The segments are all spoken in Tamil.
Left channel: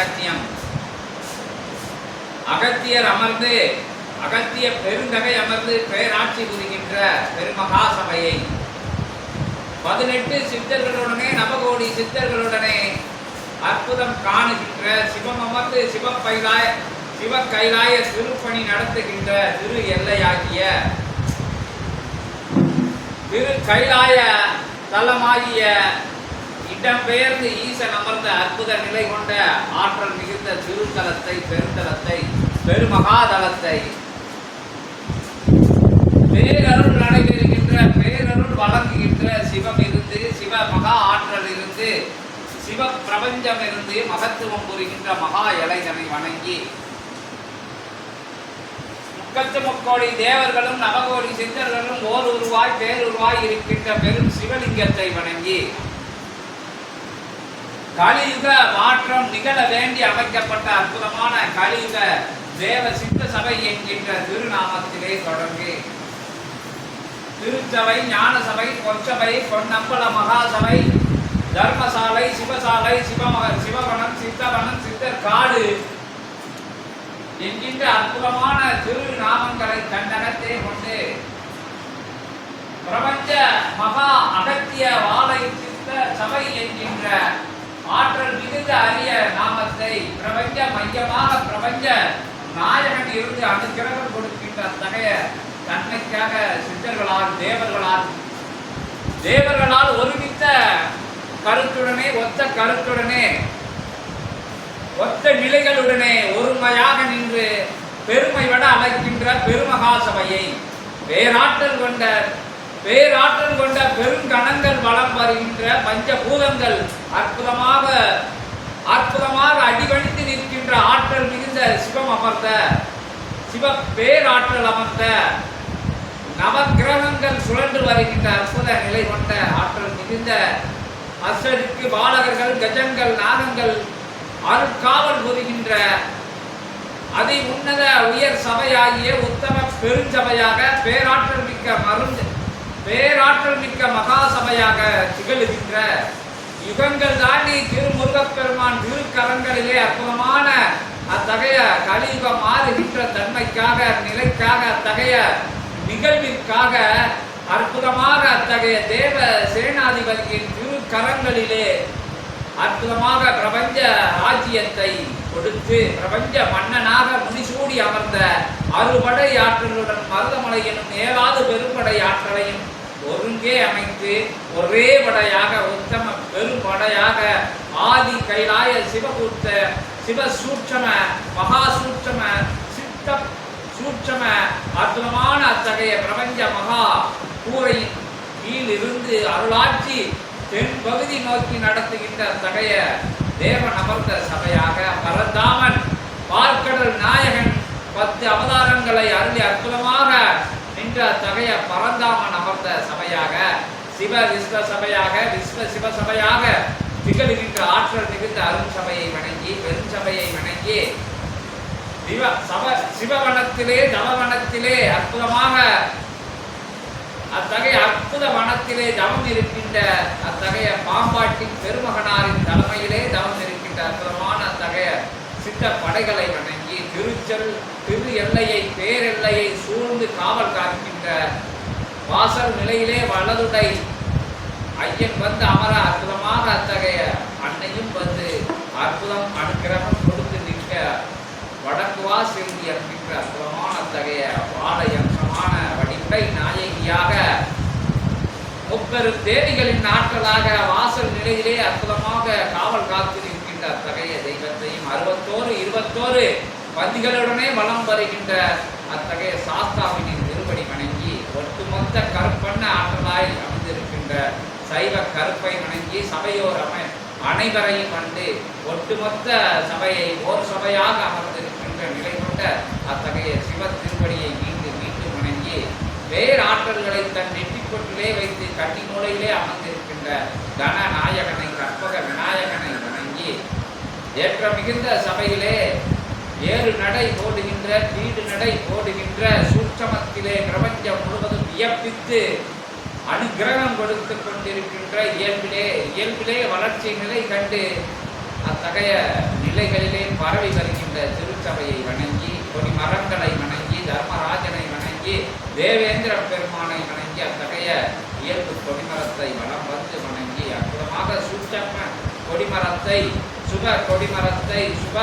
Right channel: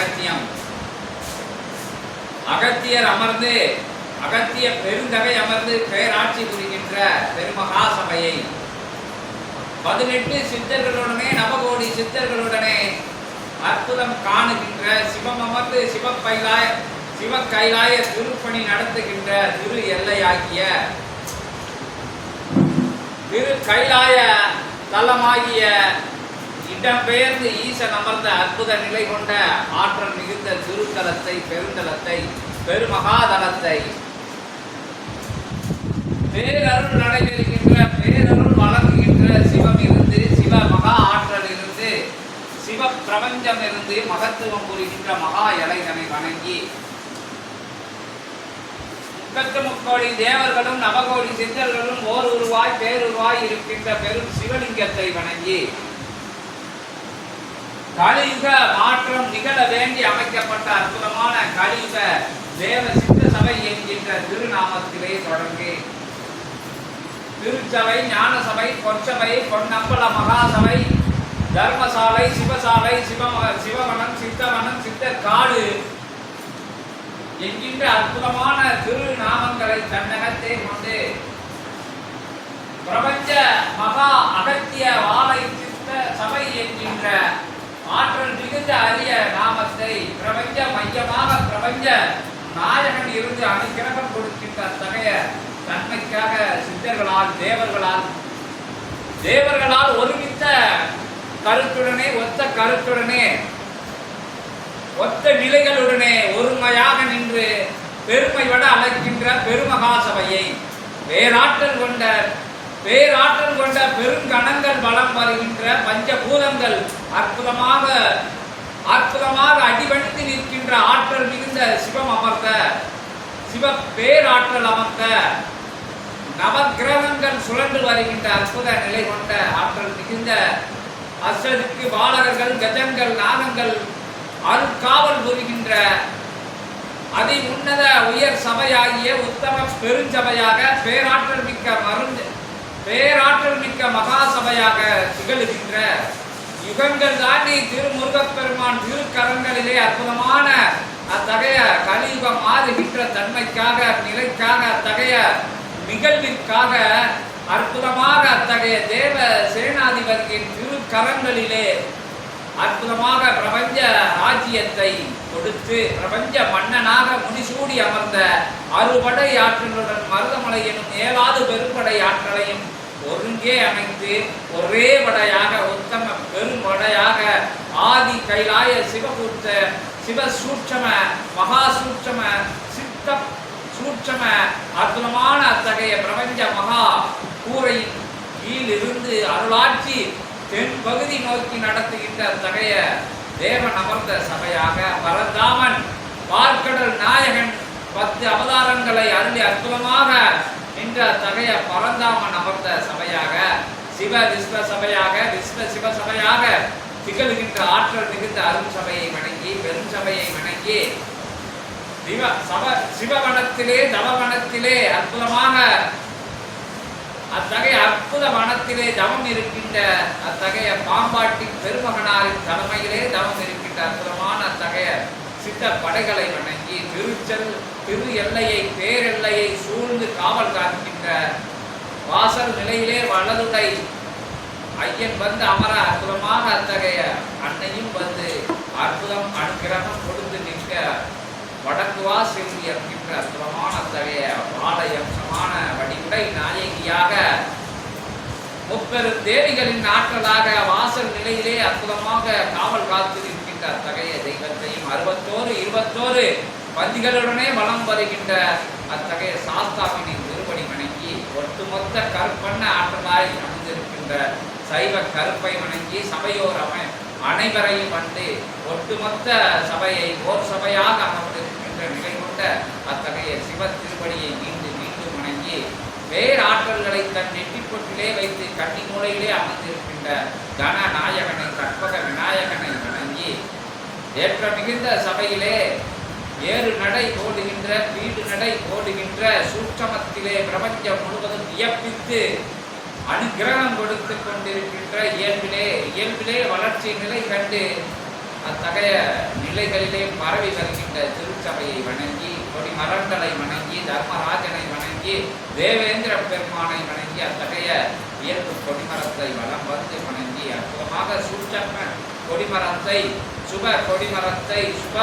அகத்தியம். அகத்தியர் அமர்ந்து அகத்திய பெருந்தகை அமர்ந்து பேராட்சி புரிகின்ற பெருமகா சபையை பதினெட்டு சித்தர்களுடனே நவகோடி சித்தர்களுடனே அற்புதம் காணுகின்ற சிவம் அமர்ந்து சிவப்பைலாய சிவ கைலாய திருப்பணி நடத்துகின்ற திரு எல்லையாகிய திரு கைலாய தலமாகிய இடம்பெயர்ந்து ஈசன் அமர்ந்த அற்புத நிலை கொண்ட ஆற்றல் மிகுந்த திருத்தலத்தை பெருந்தலத்தை பெருமகாதலத்தை. பேரருள் நடைபெறுகின்ற பேரருள் வழங்குகின்ற சிவம் இருந்து சிவ மகா ஆற்றல் இருந்து சிவ பிரபஞ்சம் இருந்து மகத்துவம் புரிகின்ற மகா இளைஞனை வணங்கி முக்கத்து முக்கோடி தேவர்களும் நவகோடி சித்தர்களும் ஓர் உருவாய் பேருருவாய் இருக்கின்ற பெரும் சிவலிங்கத்தை வணங்கி கலியுக மாற்றம் நிகழ வேண்டி அமைக்கப்பட்ட அற்புதமான கலியுக தேவ சித்த சபை என்கின்ற திருநாமத்திலே தொடங்கி. திருச்சபை ஞான சபை பொற்சபை பொன்னம்பல மகாசபை தர்மசாலை சிவசாலை சிவமக சிவவனம் சித்தவனம் சித்தர் காடு என்கின்ற அற்புதமான திருநாமங்களை தன்னகத்தே கொண்டு பிரபஞ்ச மகா அகத்திய வாழை சித்த சபை என்கின்ற ஆற்றல் மிகுந்த அரிய நாமத்தை பிரபஞ்ச மையமாக பிரபஞ்ச நாயகன் இருந்து அனுக்கிரகம் கொடுக்கின்ற அத்தகைய தன்மைக்காக சித்தர்களால் தேவர்களால் தேவர்களால் ஒருமித்த கருத்துடனே ஒத்த கருத்துடனே ஒத்த நிலைகளுடனே ஒருமையாக நின்று பெருமை விட அழைக்கின்ற பெருமகா சபையை பேராற்றல் கொண்ட பேராற்றல் கொண்ட பெருங்கணங்கள் வளம் வருகின்ற பஞ்சபூதங்கள். அற்புதமாக அற்புதமாக அடிபணித்து நிற்கின்ற ஆற்றல் மிகுந்த சிவம் அமர்த்த சிவ பேராற்றல் அமர்த்த நவக்கிரகங்கள் சுழன்று வருகின்ற அற்புத நிலை கொண்ட ஆற்றல் மிகுந்த அசருக்கு பாலகர்கள் கஜங்கள் நாகங்கள் அருட்காவல் புரிகின்ற அதி உன்னத உயர் சபையாகிய உத்தம பெருஞ்சபையாக பேராற்றல் மிக்க மருந்து பேராற்றல் மிக்க மகா சபையாக திகழுகின்ற யுகங்கள் தாண்டி திருமுருகப்பெருமான் திருக்கரங்களிலே அற்புதமான அத்தகைய கலியுகம் மாறுகின்ற தன்மைக்காக நிலைக்காக அத்தகைய நிகழ்விற்காக அற்புதமாக அத்தகைய தேவ சேனாதிபதியின் திருக்கரங்களிலே அற்புதமாக பிரபஞ்ச ராஜ்யத்தை கொடுத்து பிரபஞ்ச மன்னனாக முடிசூடி அமர்ந்த அறுபடை ஆற்றலுடன் மருதமலை எனும் ஏழாவது பெரும்படை ஆற்றலையும் ஒருங்கே அமைந்து ஒரே படையாக உத்தம பெரும்படையாக ஆதி கைலாய சிவகூர்த்த சிவ சூட்சம மகா சூட்சம சித்த சூட்சம அற்புதமான அத்தகைய பிரபஞ்ச மகா கூரையின் கீழிருந்து அருளாட்சி தென் பகுதி நோக்கி நடத்துகின்ற அத்தகைய தேவன் அமர்ந்த சபையாக பரந்தாமன் பார்க்கடல் நாயகன் பத்து அவதாரங்களை அருளி அற்புதமாக நின்ற அத்தகைய பரந்தாமன் அமர்ந்த சபையாக சிவ விஸ்வ சபையாக விஸ்வ சிவ சபையாக திகழ்கின்ற ஆற்றல் மிகுந்த அருண் சபையை வணங்கி பெரும் சபையை வணங்கி சிவ சப சிவவனத்திலே தவவனத்திலே அற்புதமாக அத்தகைய அற்புத வனத்திலே தவம் இருக்கின்ற அத்தகைய பாம்பாட்டின் பெருமகனாரின் தலைமையிலே தவம் இருக்கின்ற அற்புதமான அத்தகைய சித்த படைகளை வணங்கி திருச்சல் திரு எல்லையை பேரெல்லையை சூழ்ந்து காவல் காக்கின்ற வாசல் நிலையிலே வலதுடை ஐயன் வந்து அமர அற்புதமாக அத்தகைய அன்னையும் வந்து அற்புதம் அனுக்கிரகம் கொடுத்து நிற்க வடக்குவா செல்வி என்கின்ற அற்புதமான அத்தகைய வாழை அம்சமான வடிவுடை நாயகியாக முப்பெரும் தேவிகளின் நாட்களாக வாசல் நிலையிலே அற்புதமாக காவல் காத்து நிற்கின்ற அத்தகைய தெய்வத்தையும் அறுபத்தோரு இருபத்தோரு பந்திகளுடனே வலம் வருகின்ற அத்தகைய சாஸ்தாவினின் திருப்படி வணங்கி ஒட்டுமொத்த கற்பண்ண ஆற்றலாய் அமைந்திருக்கின்ற சைவ கருப்பை வணங்கி சபையோர் அனைவரையும் வந்து ஒட்டுமொத்த சபையை ஓர் சபையாக அமர்ந்திருக்கின்ற நிலை கொண்ட அத்தகைய சிவ திருப்படியை மீண்டு மீண்டும் வணங்கி பேராற்றல்களை தன் நெற்றிப்பொட்டிலே வைத்து கட்டி மூலையிலே அமர்ந்திருக்கின்ற கன நாயகனை கற்பக விநாயகனை வணங்கி ஏற்ற மிகுந்த சபையிலே ஏறு நடை ஓடுகின்ற வீடு நடை ஓடுகின்ற சூட்சமத்திலே பிரபஞ்சம் முழுவதும் வியப்பித்து அனுகிரகம் கொடுத்து கொண்டிருக்கின்ற இயல்பிலே இயல்பிலே வளர்ச்சி நிலை கண்டு அத்தகைய நிலைகளிலே பரவி வருகின்ற திருச்சபையை வணங்கி கொடி மரங்களை வணங்கி தர்மராஜனை வணங்கி தேவேந்திர பெருமானை வணங்கி அத்தகைய இயல்பு கொடிமரத்தை வளம் வந்து வணங்கி அற்புதமாக சூட்சம கொடிமரத்தை சுப கொடிமரத்தை சுப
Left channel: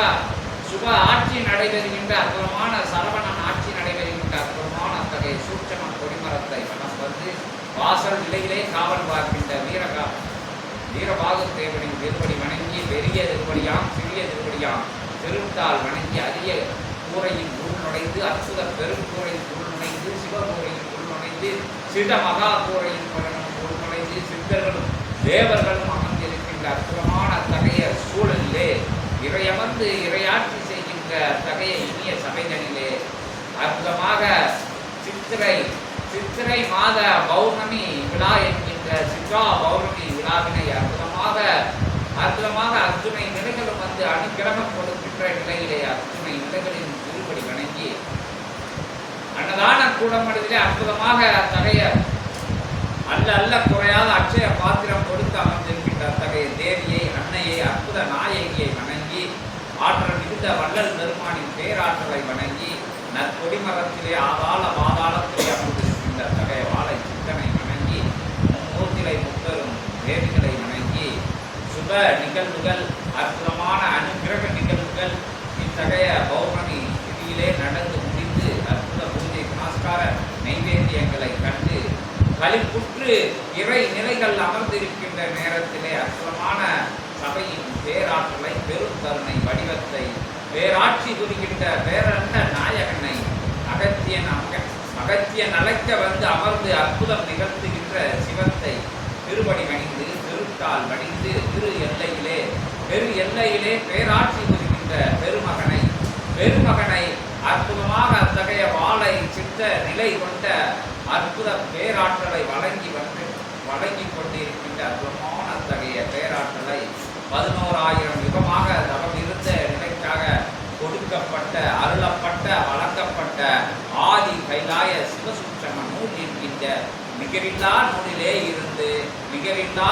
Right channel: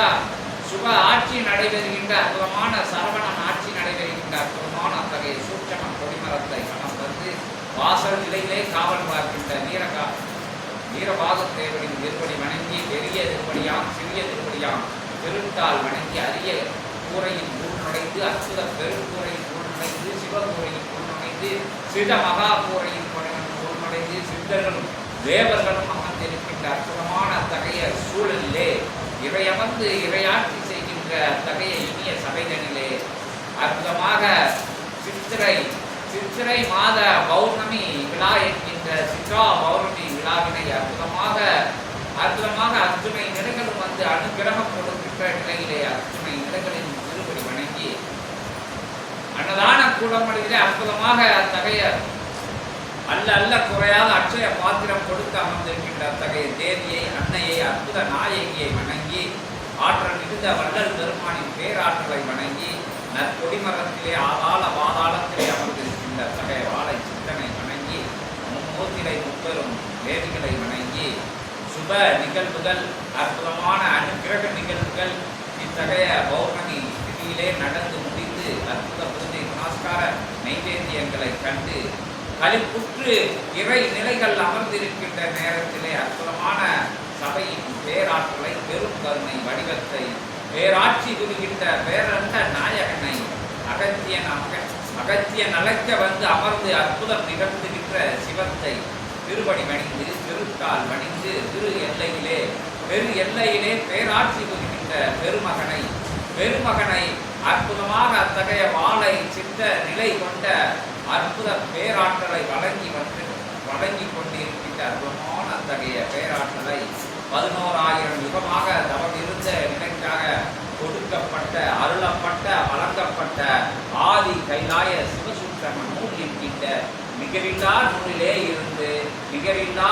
சுப ஆட்சி நடைபெறுகின்ற அற்புதமான சரவணன் ஆட்சி நடைபெறுகின்ற அற்புதமான அத்தகைய சூட்சமன் கொடிமரத்தை வலம் வந்து வாசல் நிலையிலே காவல் பார்க்கின்ற வீரகா வீரபாகு தேவனின் திருப்படி வணங்கி பெரிய திருப்படியாம் சிறிய திருப்படியாம் திருத்தால் வணங்கி அரிய கூரையின் உள் நுழைந்து அற்புத பெருங்கூரையில் உள் நுழைந்து சிவகூரையில் உள் நுழைந்து சித மகா கூரையின் உள் நுழைந்து சித்தர்களும் தேவர்களும் அமர்ந்திருக்கின்ற அற்புதமான அத்தகைய சூழலிலே இறையமர்ந்து இறையாற்றி செய்கின்ற அத்தகைய இனிய சபைகளிலே அற்புதமாக சித்திரை சித்திரை மாத பௌர்ணமி விழா என்கின்ற சித்ரா பௌர்ணமி விழாவினை அற்புதமாக அற்புதமாக அர்ஜுனை நிலங்களும் வந்து அனுகிரகம் கொடுக்கின்ற நிலையிலே அர்ஜுனை நிலங்களின் திருப்படி வணங்கி அன்னதான கூடமளிலே அற்புதமாக அத்தகைய அல்ல அல்ல குறையாத அட்சய பாத்திரம் கொடுத்து அமர்ந்திருக்கின்ற அத்தகைய தேவியை அன்னையை அற்புத நாயகியை வணங்கி ஆற்றல் மிகுந்த வள்ளல் பெருமானின் பேராற்றலை வணங்கி நற்கொடிமரத்திலே ஆதாள பாதாளத்திலே அமர்ந்திருக்கின்ற அத்தகைய வாழை சித்தனை வணங்கி மும்மூத்திலை முப்பெரும் வேர்களை வணங்கி சுப நிகழ்வுகள் அற்புதமான அனுகிரக நிகழ்வுகள் இத்தகைய பௌர்ணமி திதியிலே நடந்து முடிந்து அற்புத பூஜை நமஸ்கார நைவேத்தியங்களை கண்டு களிப்புற்று இறை நிலைகள் அமர்ந்திருக்கின்ற நேரத்திலே அற்புதமான சபையின் பேராற்றலை பெரும் வடிவத்தை பேராட்சி குறிக்கின்ற பேரண்ட நாயகனை அகத்தியன் அமக அகத்தியன் அழைக்க வந்து அமர்ந்து அற்புதம் நிகழ்த்துகின்ற சிவத்தை திருவடி வணிந்து திருத்தால் வணிந்து திரு எல்லையிலே பெரு எல்லையிலே பேராட்சி குறிக்கின்ற பெருமகனை பெருமகனை அற்புதமாக அத்தகைய வாளை சித்த நிலை கொண்ட அற்புத பேராற்றலை வழங்கி வந்து வழங்கி கொண்டிருக்கின்ற அற்புதமான அத்தகைய பேராற்றலை பதினோராயிரம் யுகமாக தவம் இருந்த நிலைக்காக கொடுக்கப்பட்ட அருளப்பட்ட வழங்கப்பட்ட ஆதி கைலாய சிவசுற்றம நூல் இருக்கின்ற நிகரில்லா நூலிலே இருந்து நிகரில்லா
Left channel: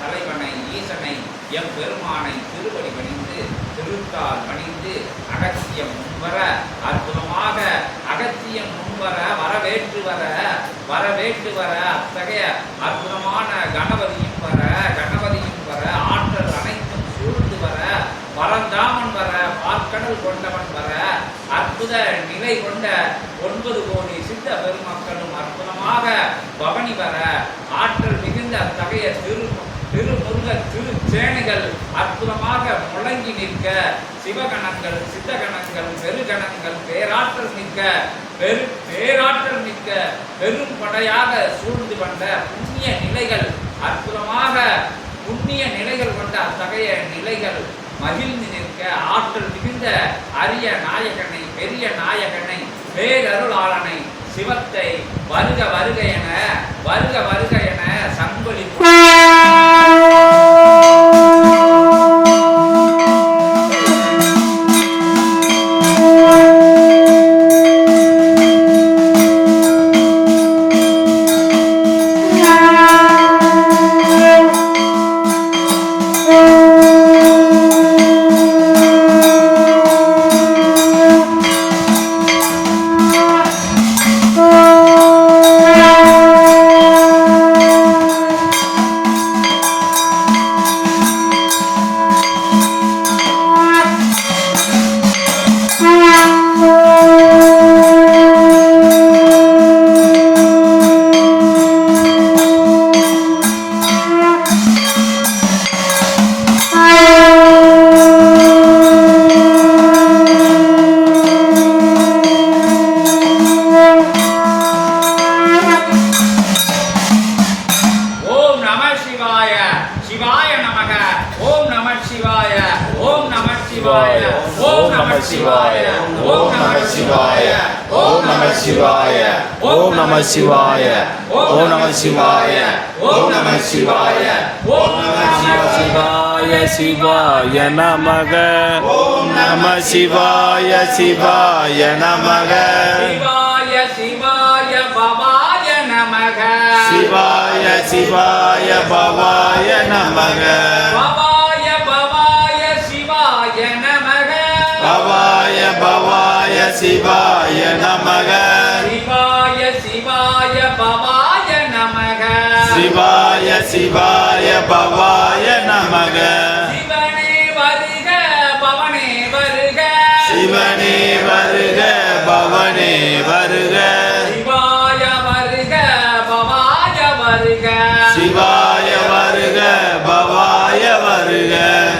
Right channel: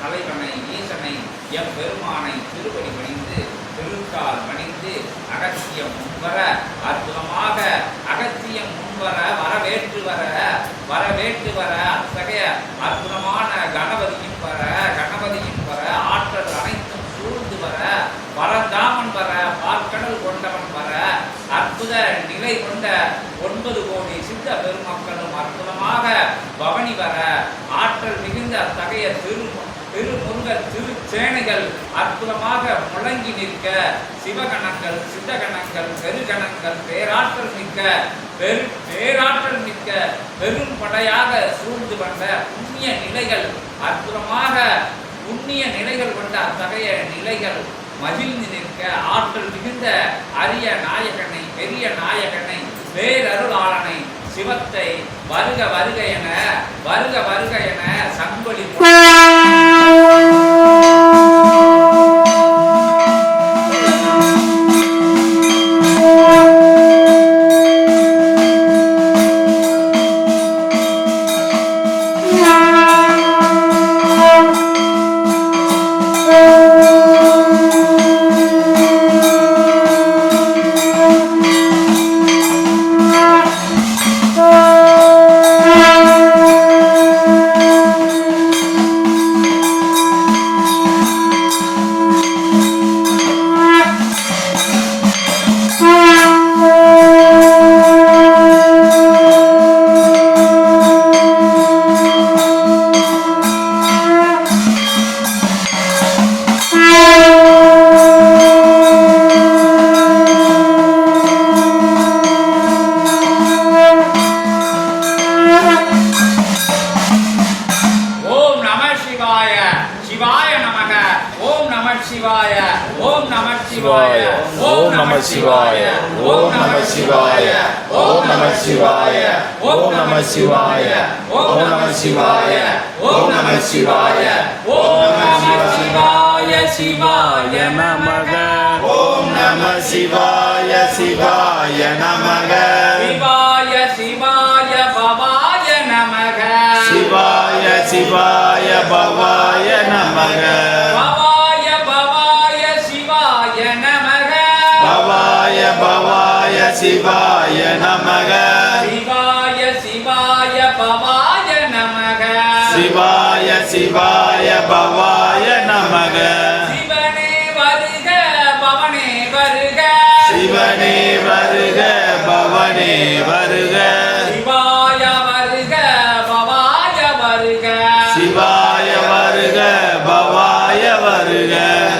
தலைவனை ஈசனை எம் பெருமானை திருவடி பணிந்து திருத்தால் பணிந்து அகத்தியம் முன்வர அற்புதமாக அகத்தியம் முன்வர வரவேற்று வர வரவேற்று வர அத்தகைய அற்புதமான கணபதியும் வர கண வர ஆற்றல் அனைத்தும் சூழ்ந்து வர பரந்தாமன் வர பார்க்கடல் கொண்டவன் வர அற்புத நிலை கொண்ட ஒன்பது கோடி சித்த பெருமக்களும் அற்புதமாக பவனி வர ஆற்றல் மிகுந்த அத்தகைய திரு திருமுருக திருச்சேனைகள் அற்புதமாக முழங்கி நிற்க சிவகணங்கள் சித்தகணங்கள் பெருகணங்கள் பேராற்றல் மிக்க பெரு பேராற்றல் மிக்க பெரும் படையாக சூழ்ந்து வந்த புண்ணிய நிலைகள் அற்புதமாக புண்ணிய நிலைகள் கொண்ட அத்தகைய நிலைகள் மகிழ்ந்து நிற்க ஆற்றல் மிகுந்த அரிய நாயகனை பெரிய நாயகனை பேரருளாளனை சிவத்தை வருக வருக என வருக சிவாய சிவாய நமக. சிவாய சிவாய பவாய நமக. சிவாய சிவாய பவாய நமக. பவாய பவாய நமக. பவாய பவாய சிவாய நமக. சிவாய சிவாய பவாய நமக. சிவாய சிவாய பவாய நமக. சிவனே வருக பவனே வருக. சிவாய வருக பவாய வருக. சிவாய வருக பவாய வருக.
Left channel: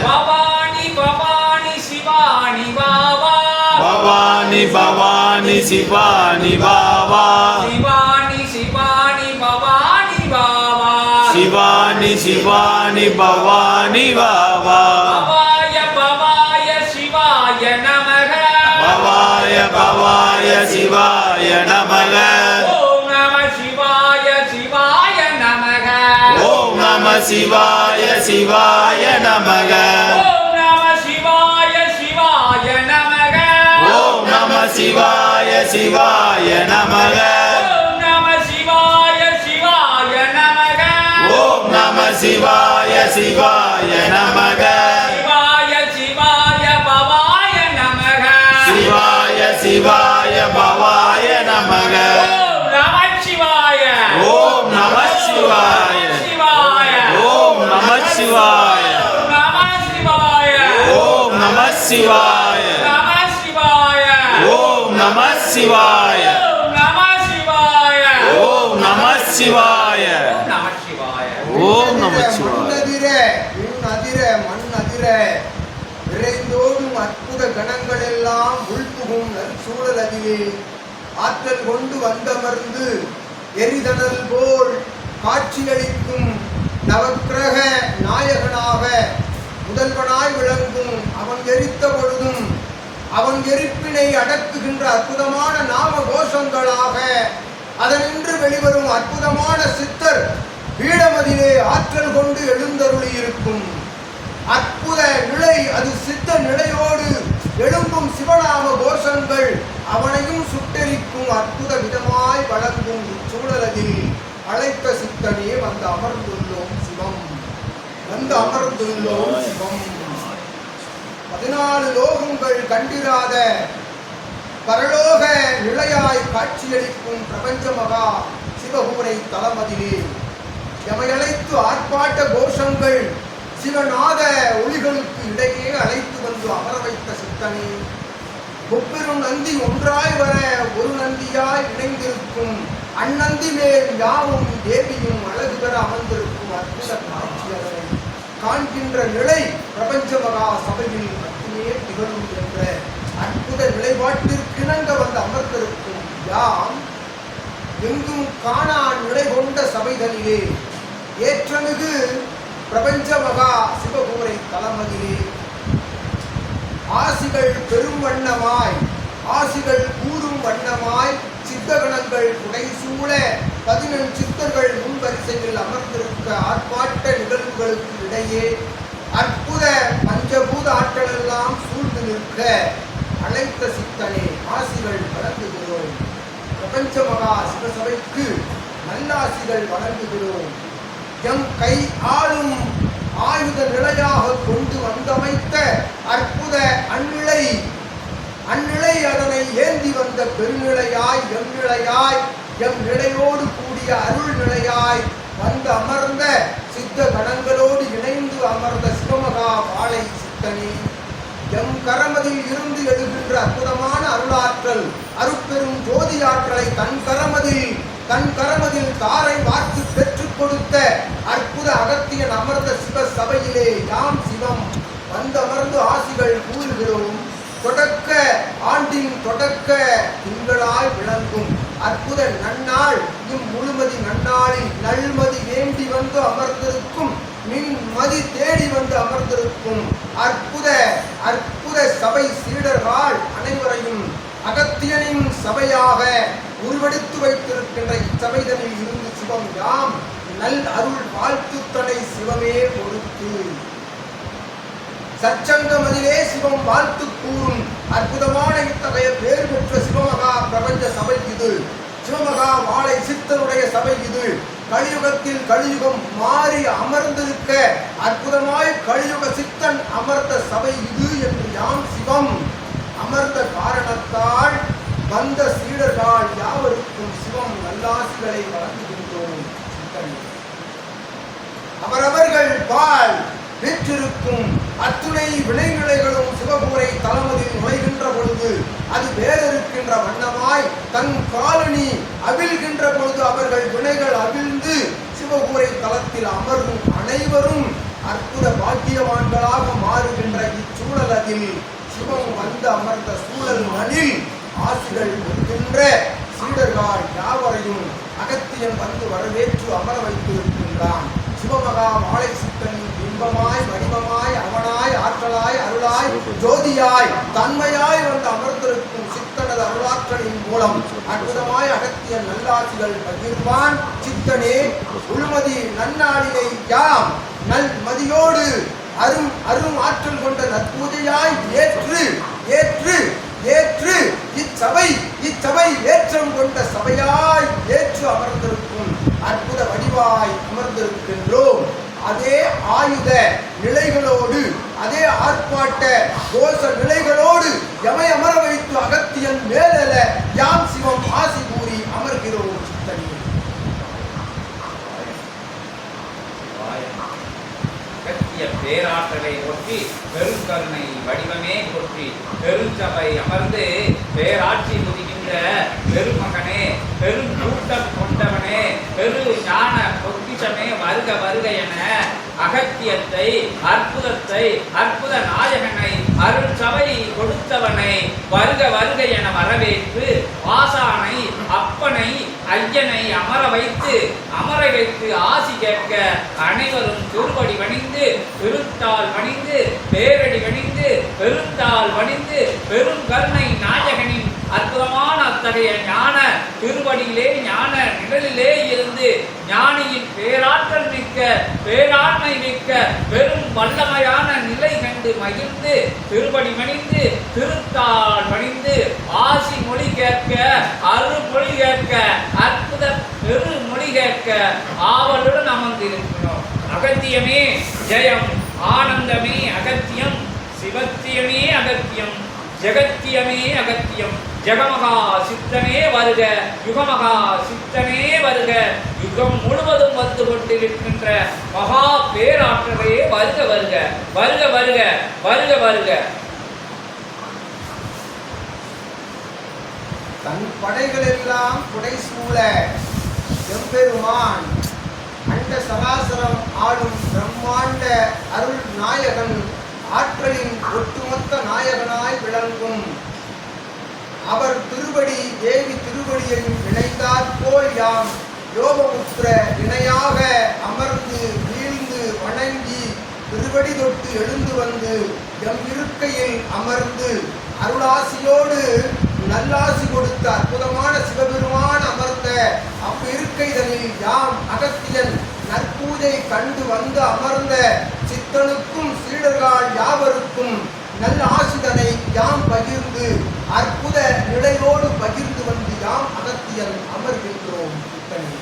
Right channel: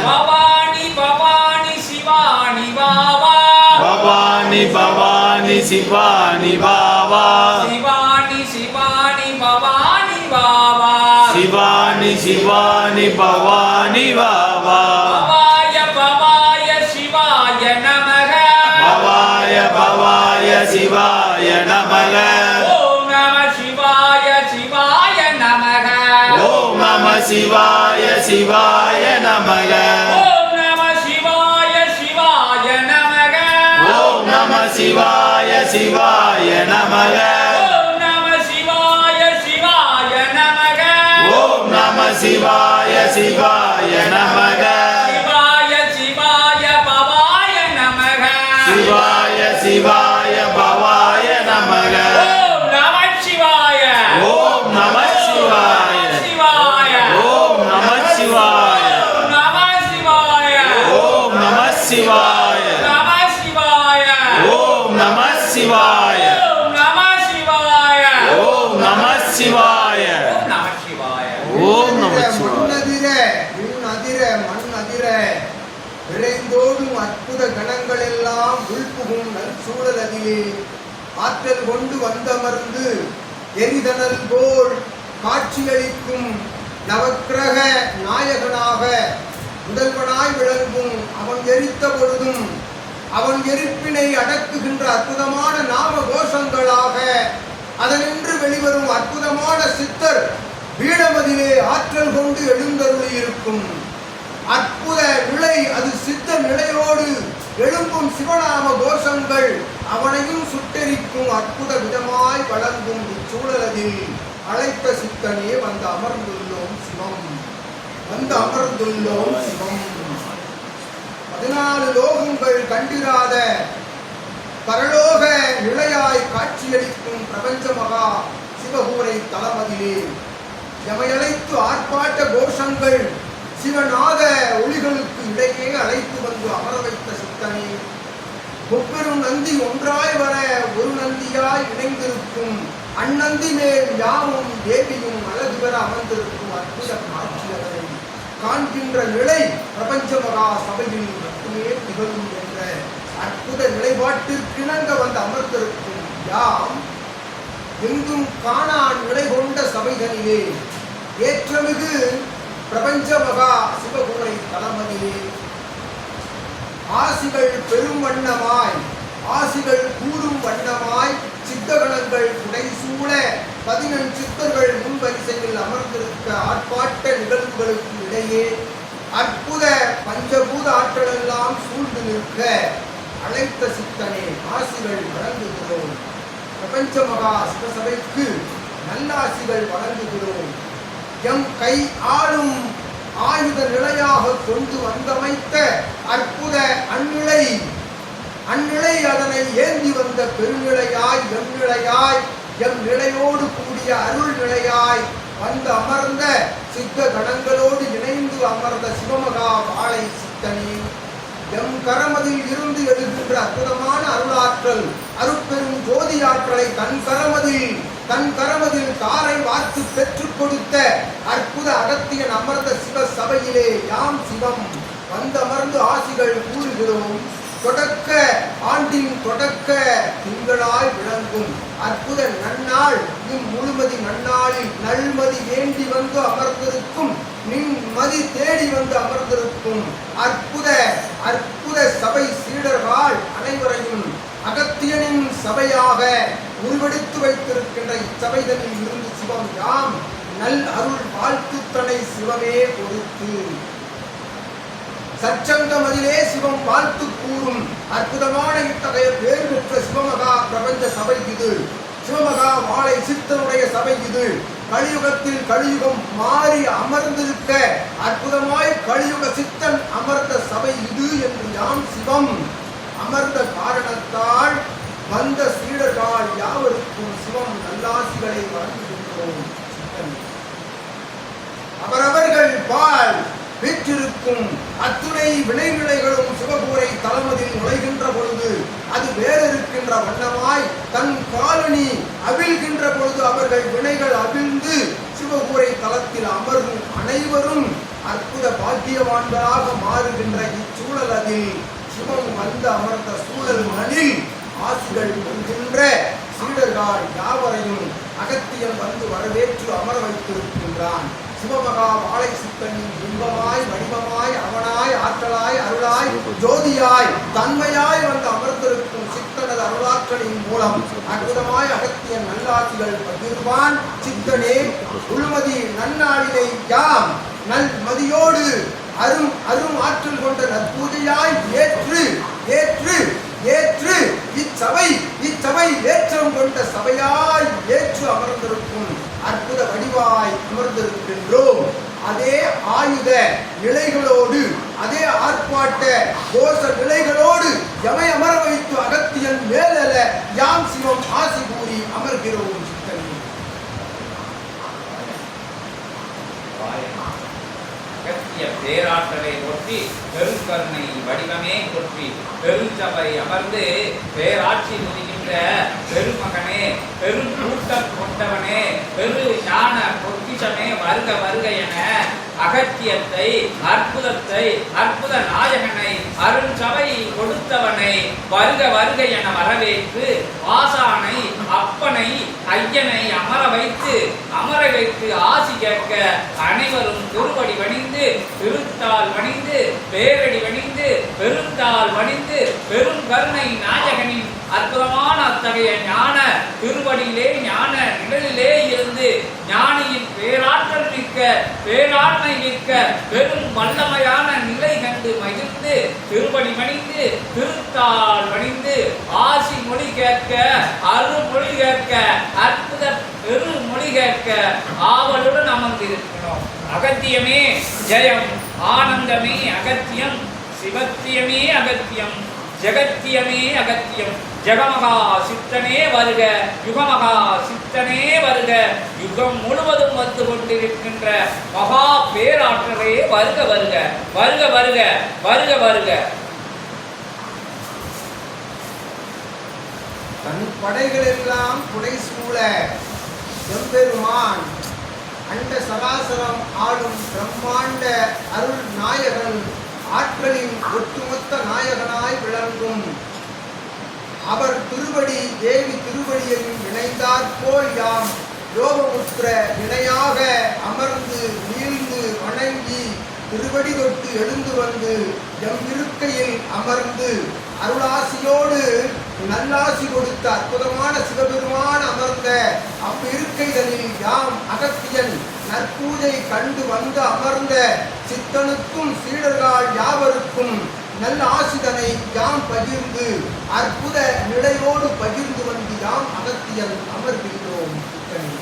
பவானி பவானி சிவானி பாவா. பவானி பவானி சிவானி பாவா. சிவானி சிவானி பவானி பாவா. சிவானி சிவானி பவானி பாவா. பவாய சிவாய நமக. ஓம் நம சிவாய சிவாய நமக. ஓம் நம சிவாய சிவாய நமக. ஓம் நம சிவாய சிவாய நமக. ஓம் நம சிவாய சிவாய நமக. ஓம் நம சிவாய சிவாய நமக. ஓம் நம சிவாய சிவாய நமக. சிவாய சிவாய பவாய நமக. சிவாய சிவாய பவாய நமக ஓம் நம சிவாய ஓம் நம சிவாய ஓம் நம சிவாய ஓம் நம சிவாய ஓம் நம சிவாய ஓம் நம சிவாய ஓம் நம சிவாய விண் அதிர மண் அதிர விரைந்தோடும் அற்புத கணங்கள் எல்லாம் உள்புகும் சூழல் அதிலே ஆற்றல் கொண்டு வந்தமர்ந்து எரிதனல் போல் காட்சியளிக்கும் நவக்கிரக நாயகனாக முதல்வனாய் விளங்கும் அவன் எரித்த பொழுதும் அவன் எரிப்பினை அடக்குகின்ற அற்புதமான நாம கோஷங்களாக அதனின்று வெளிவரும் அற்புதமான சித்தர் பீடமதிலே ஆற்றல் கொண்டு எழுந்தருளி இருக்கும் அற்புத இல்லை அது சித்த நிலையோடு எழும்பும் சிவநாம கோஷங்கள் அவனையும் சுட்டெரிக்கும் அற்புத விதமாய் வழங்கும் இச்சூழலதில் அழைத்த சித்தனே வந்து அமர்ந்துள்ளோம் சிவம். வந்து அமர்ந்துள்ளோம் சிவம். பதினாலு லோகங்கள் கண்டிராத பரலோக நிலையாய் காட்சியளிக்கும் பிரபஞ்ச மகா சிவகூரை தலமதிலே எமையழைத்து ஆர்ப்பாட்ட கோஷங்கள் சிவநாத ஒளிகளுக்கு இடையே அழைத்து வந்து அமர வைத்த சித்தனே முப்பெரும் நந்தி ஒன்றாய் வர ஒரு நந்தியாய் இணைந்திருக்கும் அந்நந்தி மேல் யாவும் தேவியும் அழகு பெற அமர்ந்திருக்கும் அற்புத காட்சியலை காண்கின்ற நிலை பிரபஞ்ச மகா சபையில் மட்டுமே திகழும் என்ற அற்புத நிலைப்பாட்டிற்கிணங்க வந்து அமர்ந்திருக்கும் யாம் எங்கும் காணா நிலை கொண்ட சபைகளிலே. ஏற்றமிகு பிரபஞ்ச மகா சிவகூரை தலமதிலே ஆசிகள் பெரும் வண்ணமாய் ஆசிகள் கூறும் வண்ணமாய் சித்தகணங்கள் புடைசூழ பதினெண் சித்தர்கள் முன்வரிசையில் அமர்ந்திருக்க ஆர்ப்பாட்ட நிகழ்வுகளுக்கு இடையே அற்புத பஞ்சபூத ஆற்றலெல்லாம் சூழ்ந்து நிற்க அழைத்த சித்தனே ஆசிகள் வழங்குகிறோம். பிரபஞ்ச மகா சிவசபைக்கு நல்லாசிகள் வழங்குகிறோம். எம் கை ஆளும் ஆயுத நிலையாக கொண்டு வந்தமைத்த அற்புத அந்நிலை அந்நிலை அதனை ஏந்தி வந்த பெருநிலையாய் எம் நிலையாய் எம் நிலையோடு கூடிய அருள் நிலையாய் வந்து அமர்ந்த சித்த கணங்களோடு இணைந்து அமர்ந்த சிவமகா வாழை சித்தனே. எம் கரமதில் இருந்து எழுகின்ற அற்புதமான அருளாற்றல் அருட்பெரும் ஜோதி ஆற்றலை தன் கரமதில் தன் கரமதில் தாரை வார்த்து பெற்றுக் கொடுத்த அற்புத அகத்தியன் அமர்ந்த சிவ சபையிலே யாம் சிவம். வந்தமர்ந்து ஆசிகள் கூறுகிறோம் தொடக்க ஆண்டின் தொடக்க திங்களாய் விளங்கும். அற்புத நன்னாள் இம் முழுமதி நன்னாளில் நல்மதி வேண்டி வந்து அமர்ந்திருக்கும். நின் மதி தேடி வந்து அமர்ந்திருக்கும். அற்புத அற்புத சபை சீடர்கள் அனைவரையும் அகத்தியனின் சபையாக உருவெடுத்து வைத்திருக்கின்ற இச்சபைதனில் இருந்து சிவம் யாம். நல் அருள் வாழ்த்துத்தனை சிவமே பொறுத்து. சச்சங்கமதிலே சிவம் வாழ்த்து கூறும் அற்புதமான இத்தகைய பேர் பெற்ற சிவமகா பிரபஞ்ச சபை இது. சிவமகா வாழை சித்தனுடைய சபை இது. கலியுகத்தில் கலியுகம் மாறி அமர்ந்திருக்க அற்புதமாய் கலியுக சித்தன் அமர்ந்த சபை இது என்று யாம் சிவம். அமர்ந்த காரணத்தால் வந்த சீடர்கள் யாவருக்கும் சிவம் நல்லாசிகளை வழங்குகின்றோம். சித்தன். அவரவர்கள் பால் பெற்றிருக்கும் அத்துணை வினைநிலைகளும் சிவபூரை தளமதில் நுழைகின்ற பொழுது அது வேறிருக்கின்ற வண்ணமாய் தன் காலனி அவிழ்கின்ற பொழுது அவர்கள் வினைகள் அவிழ்ந்து சிவபூரை தலத்தில் அமரும் அனைவரும் அற்புத பாக்கியவான்களாக மாறுகின்ற இச்சூழல் அதில் சிவம் வந்து அமர்ந்த சூழல் மணில் ஆசிகள் கொள்கின்ற சீடர்கள் யாவரையும் அகத்தியன் வந்து வரவேற்று அமர வைத்திருக்கின்றான். சிவமகா மாலை சித்தன் இன்பமாய் வடிவமாய் அவனாய் ஆற்றலாய் அருளாய் ஜோதியாய் தன்மையாய் வந்து அமர்ந்திருக்கும் சித்தனது அருளாற்றலின் மூலம் அற்புதமாய் அகத்திய நல்லாசிகள் பகிர்வான் சித்தனே. உள்மதி நன்னாளினை யாம். நல் மதியோடு அரும் அரும் ஆற்றல் கொண்ட நற்பூஜையாய் ஏற்று ஏற்று ஏற்று இச்சபை இச்சபை ஏற்றம் கொண்ட சபையாய் ஏற்று அமர்ந்திருக்கும் அற்புத வடிவாய் என்றோம் அதே ஆயுத நிலைகளோடு அதே ஆர்ப்பாட்ட கோஷ நிலைகளோடு எமை அமர வைத்து அகத்தியன் மேலல யாம் சிவம் ஆசி கூறி அமர்கிறோம் சித்தனே அகத்திய பேராற்றலை ஒற்றி பெருங்கருணை வடிவமே கொற்றி பெருஞ்சபை அமர்ந்து பேராட்சி புரிகின்ற பெருமகனே பெரும் கூட்டம் கொண்டவனே பெரு ஞான பொக்கிஷமே வருக வருக என அகத்தியத்தை அற்புதத்தை அற்புத நாயகனை அருள் சபை கொடுத்தவனை வருக வருக என வரவேற்று ஆசானை அப்பனை ஐயனை அமர வைத்து அமர வைத்து ஆசி கேட்க அனைவரும் திருவடி வணிந்து திருத்தால் வணிந்து பேரடி வணிந்து பெருந்தால் வணிந்து பெரும் கருணை நாயகனின் அற்புதமான அத்தகைய ஞான திருவடியிலே ஞான நிழலிலே இருந்து ஞானியின் பேராற்றல் மிக்க பேராண்மை மிக்க பெரும் வல்லமையான நிலை கண்டு மகிழ்ந்து திருவடி மணிந்து திருத்தாள் மணிந்து ஆசி மொழி கேட்க அருள்மொழி கேட்க அற்புத பெரு மொழி கேட்க ஆவலுடன் அமர்ந்திருக்கிறோம். அகத்தியமே ஜெயம் ஆனந்தமே அகத்தியம் சிவத்தியமே அகத்தியம் ஜெகத்தியமே அகத்தியம். ஜெகமகா சித்தனே வருக யுகமகா சித்தனே வருக. யுகம் முழுவதும் வந்து கொண்டிருக்கின்ற மகா பேராற்றலே வருக வருக. வருக வருக. வருக வருக. தன் படைகளெல்லாம் புடைசூழ எம்பெருமான் அண்ட சராசரம் ஆளும் பிரம்மாண்ட அருள் நாயகன் ஆற்றலின் ஒட்டுமொத்த நாயகனாய் விளங்கும். அவர் திருவடி தேவி திருவடியையும் இணைந்தாற்போல் யாம் யோகமுத்திர இணையாக அமர்ந்து வீழ்ந்து வணங்கி திருவடி தொட்டு எழுந்து வந்து எம் இருக்கையில் அமர்ந்து அருளாசியோடு நல்லாசி கொடுத்த அற்புதமான சிவபெருமான் அமர்ந்த அவ்விருக்கைதனில் யாம் அகத்தியன் நற்பூஜை கண்டு வந்து அமர்ந்த சித்தனுக்கும் சீடர்கள் யாவருக்கும் நல்ல ஆசிதனை யாம் பகிர்ந்து அற்புத நிலையோடு பகிர்ந்து வந்து யாம் அகத்தியல் அமர்கின்றோம் சித்தனே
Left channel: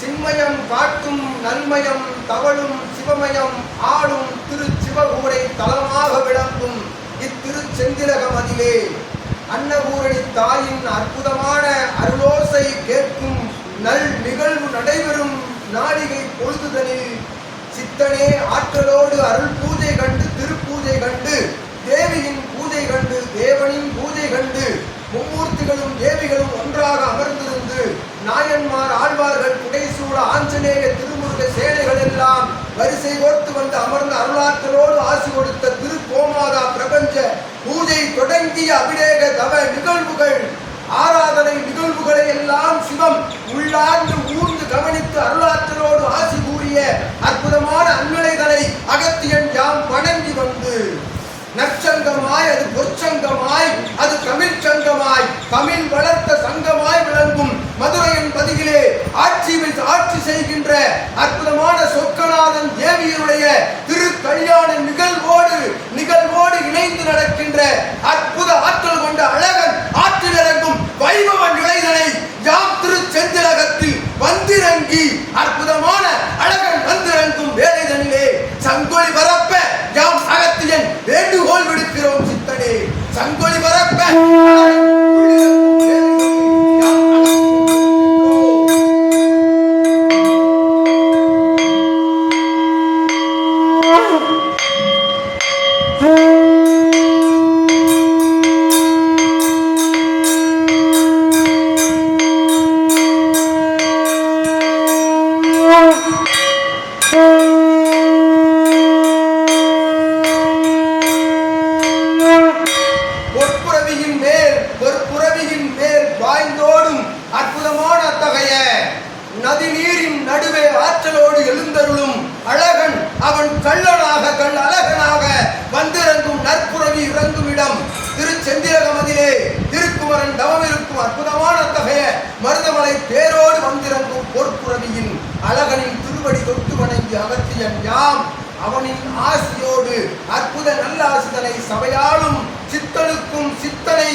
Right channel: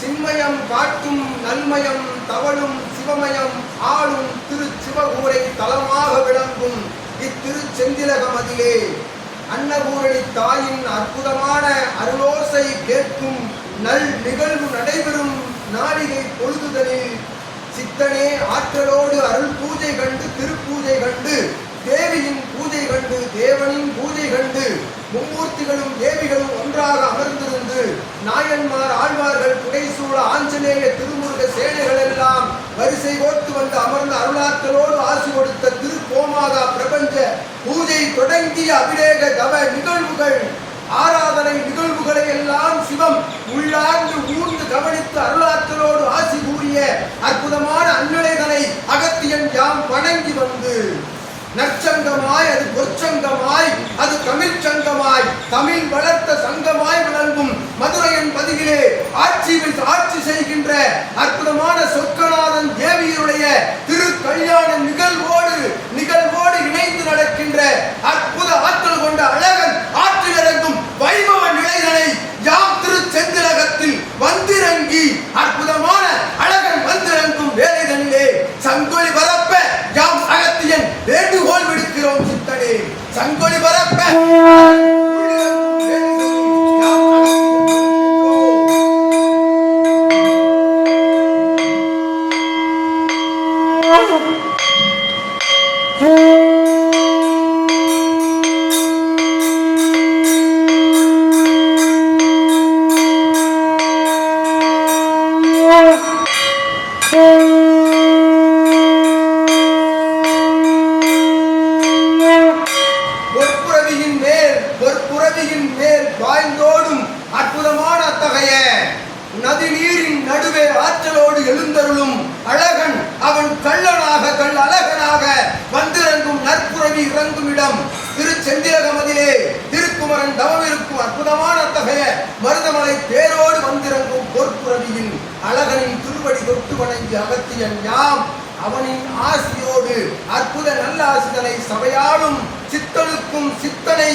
சின்மயம் காட்டும் நன்மயம் தவழும் சிவமயம் ஆளும் திரு சிவகூரை தலமாக விளங்கும் இத்திருச்செந்திலகம் அதிலே. அன்னபூரணி தாயின் அற்புதமான அருளோசை கேட்கும் நல் நிகழ்வு நடைபெறும் நாளிகை பொழுதுதலில் சித்தனே ஆற்றலோடு அருள் பூஜை கண்டு திருப்பூஜை கண்டு தேவியின் பூஜை கண்டு தேவனின் பூஜை கண்டு மும்மூர்த்திகளும் தேவிகளும் ஒன்றாக அமர்ந்திருந்து நாயன்மார் ஆழ்வார்கள் புடைசூழ ஆஞ்சநேய திருமுருக சேனைகள் எல்லாம் வரிசை கோர்த்து வந்து அமர்ந்த அருளாற்றலோடு ஆசி கொடுத்த திருக்கோமாதா பிரபஞ்ச பூஜை தொடங்கிய அபிரேக தவ நிகழ்வுகள் ஆராதனை நிகழ்வுகளை எல்லாம் சிவம் உள்ளாண்டு ஊர்ந்து கவனித்து அருளாற்றலோடு ஆசி கூறிய அற்புதமான அன்னலைகளை அகத்தியன் யாம் வணங்கி வந்து நற்சங்கமாய் அது பொற்சங்கமாய் அது தமிழ் சங்கமாய் தமிழ் வளர்த்த சங்கமாய் விளங்கும் மதுரையின் பதிகிலே ஆட்சி ஆட்சி செய்கின்ற அற்புதமான சொக்கநாதன் தேவியருடைய திரு கல்யாண நிகழ்வோடு நிகழ்வோடு இணைந்து நடக்கின்ற அற்புத ஆற்றல் கொண்ட அழகு Yeah. ஆசியோடு அற்புத நல்ல ஆசிதனை சபையாளும் சித்தனுக்கும் சித்தனை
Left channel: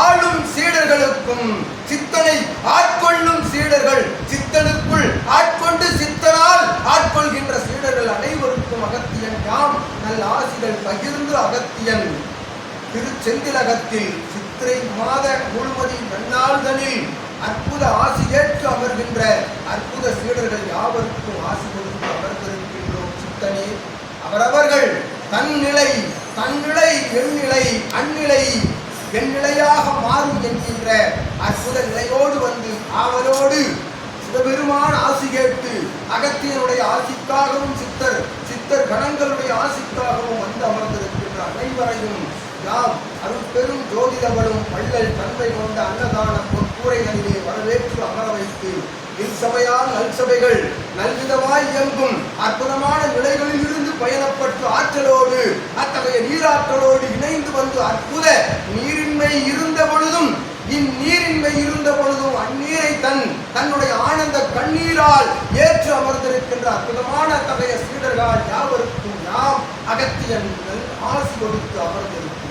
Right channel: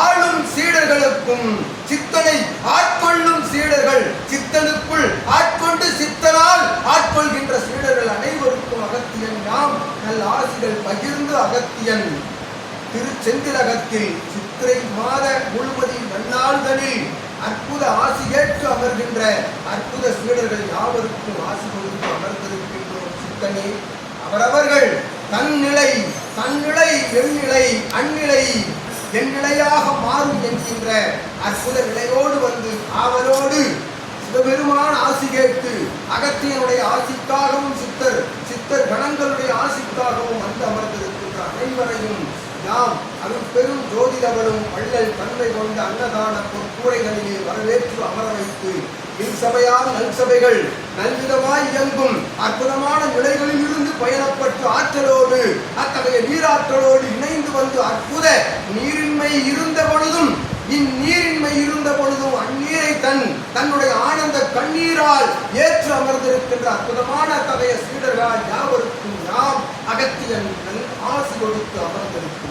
ஆளும் சீடர்களுக்கும் சித்தனை ஆட்கொள்ளும் சீடர்கள் சித்தனுக்குள் ஆட்கொண்டு சித்தனால் ஆட்கொள்கின்ற சீடர்கள் அனைவருக்கும் அகத்தியன் யாம். நல்ல ஆசிகள் பகிர்ந்து அகத்தியன். திருச்செந்திலகத்தில் சித்திரை மாத முழுமதி நன்னாள்களில் அற்புத ஆசி ஏற்று அமர்கின்ற அற்புத சீடர்கள் யாவருக்கும் ஆசி கொடுத்து அமர்ந்திருக்கின்றோம் சித்தனே. அவரவர்கள் தன்னிலை தன்னிலை எண்ணிலை அந்நிலை எண்ணிலையாக மாறும் என்கின்ற அற்புத நிலையோடு வந்து ஆவலோடு சிவபெருமான ஆசி கேட்டு அகத்தியனுடைய ஆசிக்காகவும் சித்தர் சித்தர் கணங்களுடைய ஆசிக்காகவும் வந்து அமர்ந்திருக்கின்ற அனைவரையும் யாம் அருட்பெரும் ஜோதிடவளும் வள்ளல் தன்மை கொண்ட அன்னதான பொற்கூரைகளிலே வரவேற்று அமர வைத்து இச்சபையால் நல்சபைகள் நல்விதமாய் இயங்கும் அற்புதமான நிலைகளில் இருந்து பயணப்பட்டு ஆற்றலோடு அத்தகைய நீராற்றலோடு இணைந்து வந்து அற்புத நீரின்மை இருந்த பொழுதும் இந்நீரின்மை இருந்த பொழுதும் அந்நீரை தன் தன்னுடைய ஆனந்த கண்ணீரால் ஏற்று அமர்ந்திருக்கின்ற அற்புதமான அத்தகைய சீடர்கள் யாவருக்கும் நாம் அகத்தியன் ஆசி கொடுத்து அமர்ந்திருக்கும்